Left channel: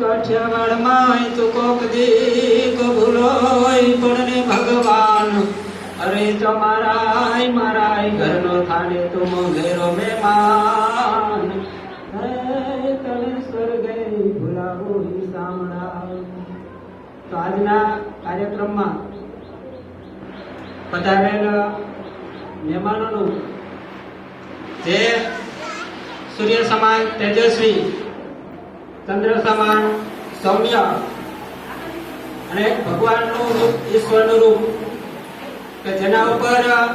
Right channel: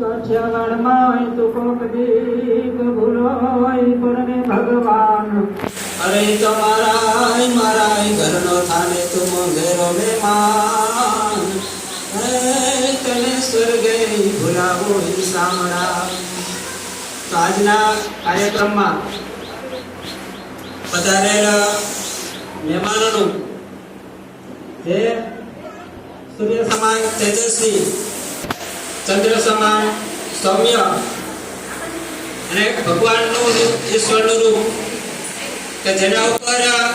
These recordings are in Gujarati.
કાઠિયાવાડમાં તો કોક દીક ભૂલોય, પણ ને ભગવાન, અરે તમારા મારાય ઘરનો થાને તું ઘેરો મહેમાન તને સ્વર્ગે ભૂલાવો સામડા તો આજના કાર્યક્રમમાં પધારેલા મહેમાનોનું જે સૂર્ય સમાન તેજસ્વી, ચંદ્ર સમાન સૌમ્ય અને ભગવાનનું ઈશ્વરનું રૂપ કે જેના ઉપર આ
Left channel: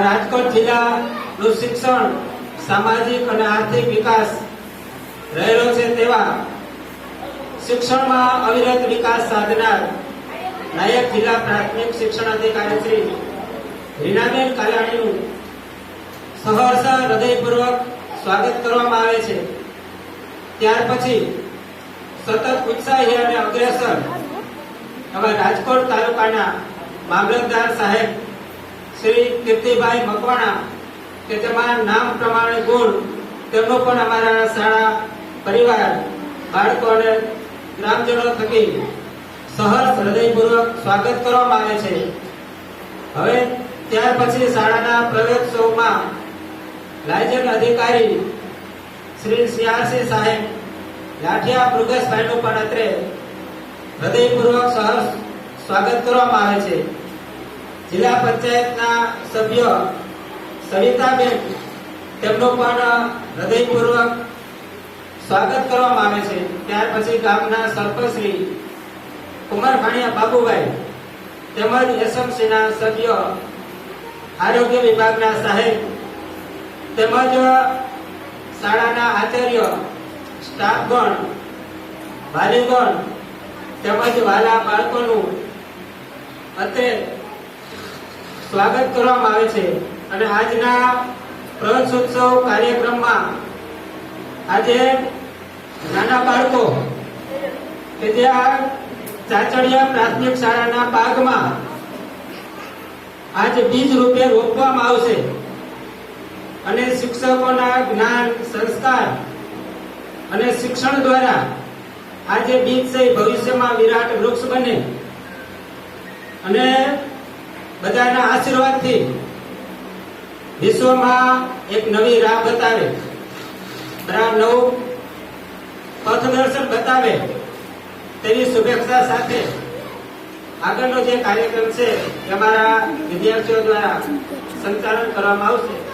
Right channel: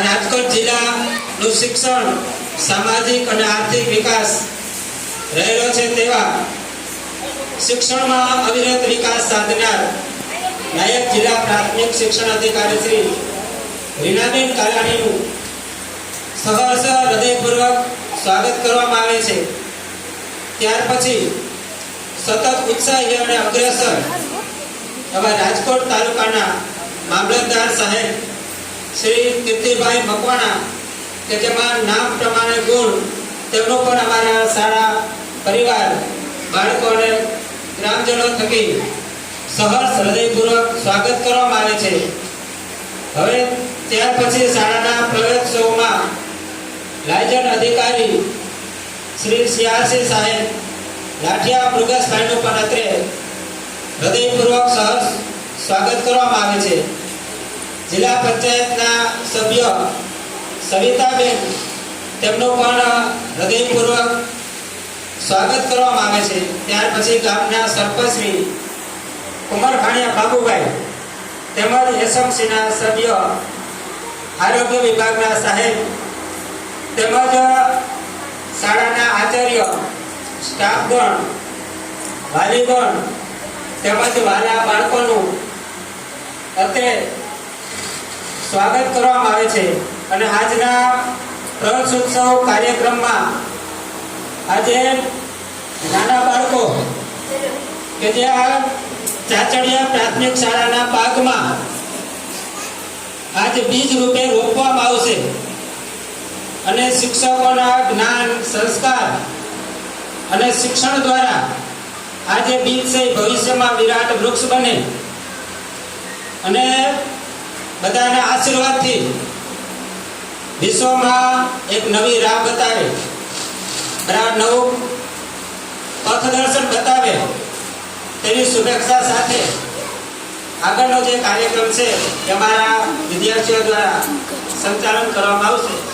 રાજકોટ જિલ્લાનું શિક્ષણ, સામાજિક અને આર્થિક વિકાસ રહેલો છે તેવા શિક્ષણમાં અવિરત વિકાસ સાધનાર નાયબ જિલ્લા પ્રાથમિક શિક્ષણ અધિકારી શ્રી રીનાબેન કાલાણીનું સહર્ષ હૃદયપૂર્વક સ્વાગત કરવામાં આવે છે. ત્યાર પછી સતત ઉત્સાહી અને અગ્રેસર હવે રાજકોટ તાલુકાના મામલતદાર સાહેબ શ્રી કીર્તિભાઈ મકવાણા કે જેમાં નામ પ્રમાણે ગુણ તેમનો પણ અમારા શાળા પરિવાર, બાળકો અને ગ્રામજનો થકી સહર્ષ હૃદયપૂર્વક સ્વાગત કરવામાં આવે છે. હવે ત્યાર પછી શાળાના પ્રવેશોત્સવમાં લાયજન અધિકારી શ્રી સિયાસી સાહેબ લાઠિયા મૃગેશભાઈનું પણ અત્રે હૃદયપૂર્વક સહર્ષ સ્વાગત કરવામાં આવે છે. જિલ્લા પંચાયતના સભ્ય સવિતાબેન તેમનું પણ હૃદયપૂર્વક સ્વાગત કરવામાં આવે છે. ત્યાર પછી ગામના સરપંચશ્રી કુમાર ભાણિયા બાબુભાઈ તેમજ એસએમસીના સભ્ય આરોગ્ય વિભાગના સાહેબ તેમજ શાળાના આચાર્ય, સ્ટાફગણ, વાલીગણ તેમજ વાલા બાળકોનું અત્રે સ્વાગત કરવામાં આવે છે અને આજના પ્રવેશોત્સવ કાર્યક્રમમાં આજે નાના બાળકો કે જે આ ચાચડિયા પ્રાથમિક શાળાના ભાગમાં આજે બીજ રૂપે રોપવામાં આવશે. અને શિક્ષકોના જ્ઞાન, સંસ્કાર અને શિક્ષણ દ્વારા આજે બીજ છે ભવિષ્યમાં વિરાટ વૃક્ષ બને. અને બધાના આશીર્વાદથી વિશ્વમાં એક નવી રાહ બતાવે. બરાબર નવું પથદર્શન બતાવે. તેવી શુભેચ્છા સાથે આગળનો જે કાર્યક્રમ છે, એ અમારા વિદ્યાર્થીઓ દ્વારા સંચાલન કરવામાં આવશે.